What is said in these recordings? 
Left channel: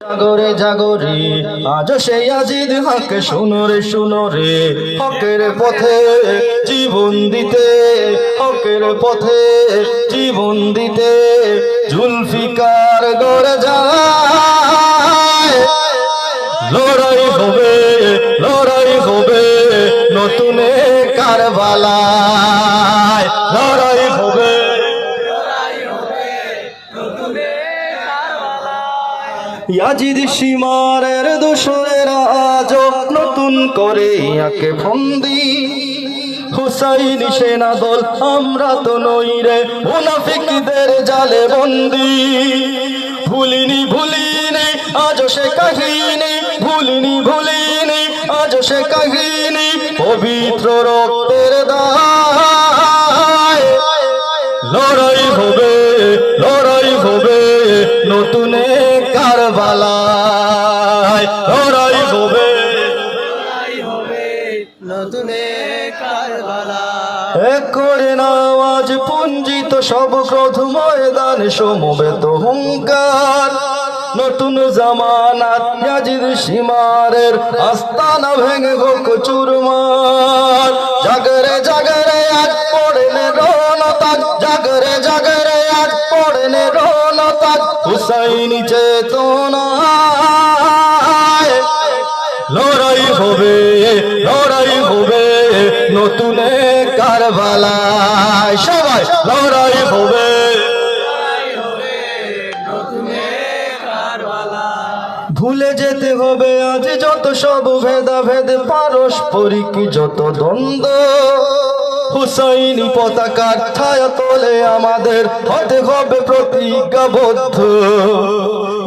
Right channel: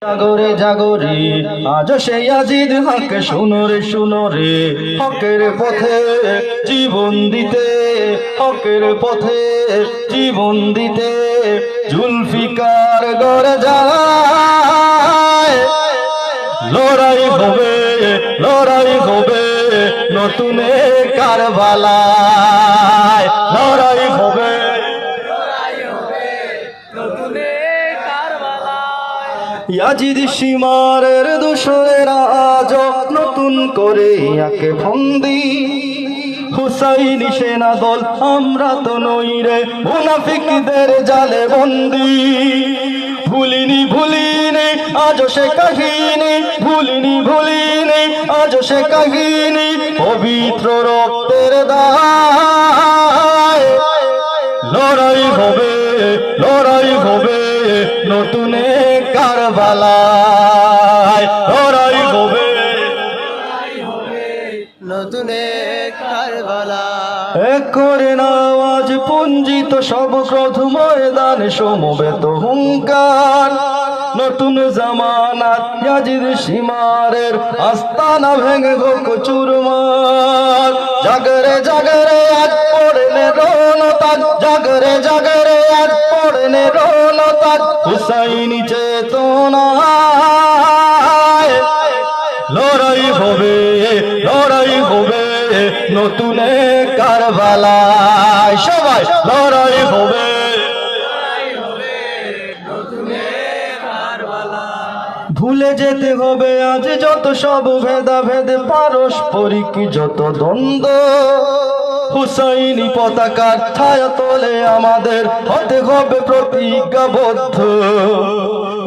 জাগরে জাগরে আজ সেই আজিদ হক শুনো রে শুনো রে। হকের পথে জীবন দিতে, হকের পথে জীবন দিতে জুলফিকার যায় লড়াই হবে লড়াই হবে নতুন কারবালায়। ইয়াজিদ সীমারের দোষরেরা আজ নতুন করে ইয়াকে ফন্দি। হুসাইন সেনা দল, আমরা তো নই রে মুনাফিকদের জালে বন্দি। ভুলিনি ভুলিনি আজ সে কাহিনী। ভুলিনি ভুলিনি আজ সে কাহিনী। পবিত্র রক্তের দায়। লড়াই হবে লড়াই হবে নতুন কারবালায় লড়াই হবে। নতুনে এক করে নাও আজ পুঞ্জিত সব ক্রোধ ময়দান সমবেত হুঙ্কার। নতুন জামানাত ইয়াজিদ সীমারের আস্তানা ভেঙে গোক চুরমার। জাগরে জাগরে আজ পড়লে রনতাজ জাগরে জাগরে আজ পড়লে রনতাজ হুসাইনি চেতনা লড়াই হবে লড়াই হবে নতুন কারবালায়। সবাই, লড়াই হবে। ভুলে যেতে হবে, আজ যত সব ভেদা ভেদে পারস্পরিক যত দ্বন্দ্ব। হুসাইনি পতাকার ছায়া তোলে আমাদের হতে হবে প্রতিজ্ঞাবদ্ধ।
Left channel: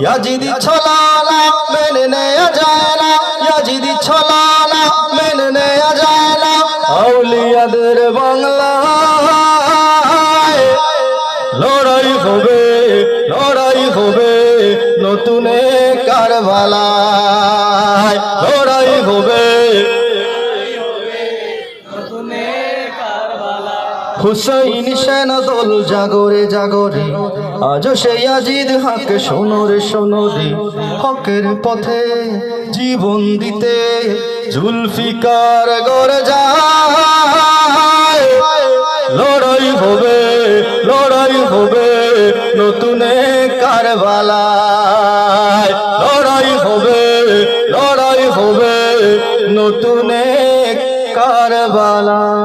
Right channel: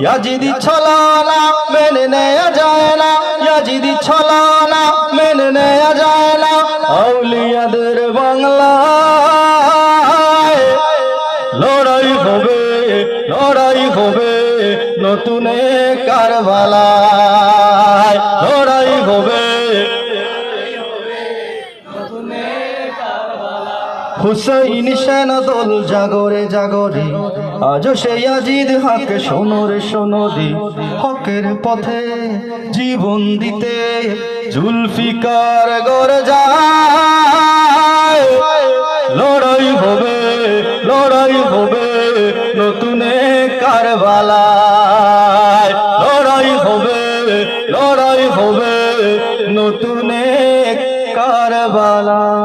ইয়াজিদি ছলানা মেনে নেয়া যায় না ইয়াজিদি ছলানা মেনে নেয়া যায় না। আউলিয়াদের বাংলায় লড়াই হবে লড়াই হবে নতুন কারবালায় হুসেইন সেন দোল জাগরে জাগরে, আজ সেই আজিদ হক সোনরে সোনরে হকের পথে জীবন দিতে জুলফিকার গরজা লড়াই হবে লড়াই হবে নতুনে কারবালা লড়াই হবে লড়াই হবে নতুনে কারবালা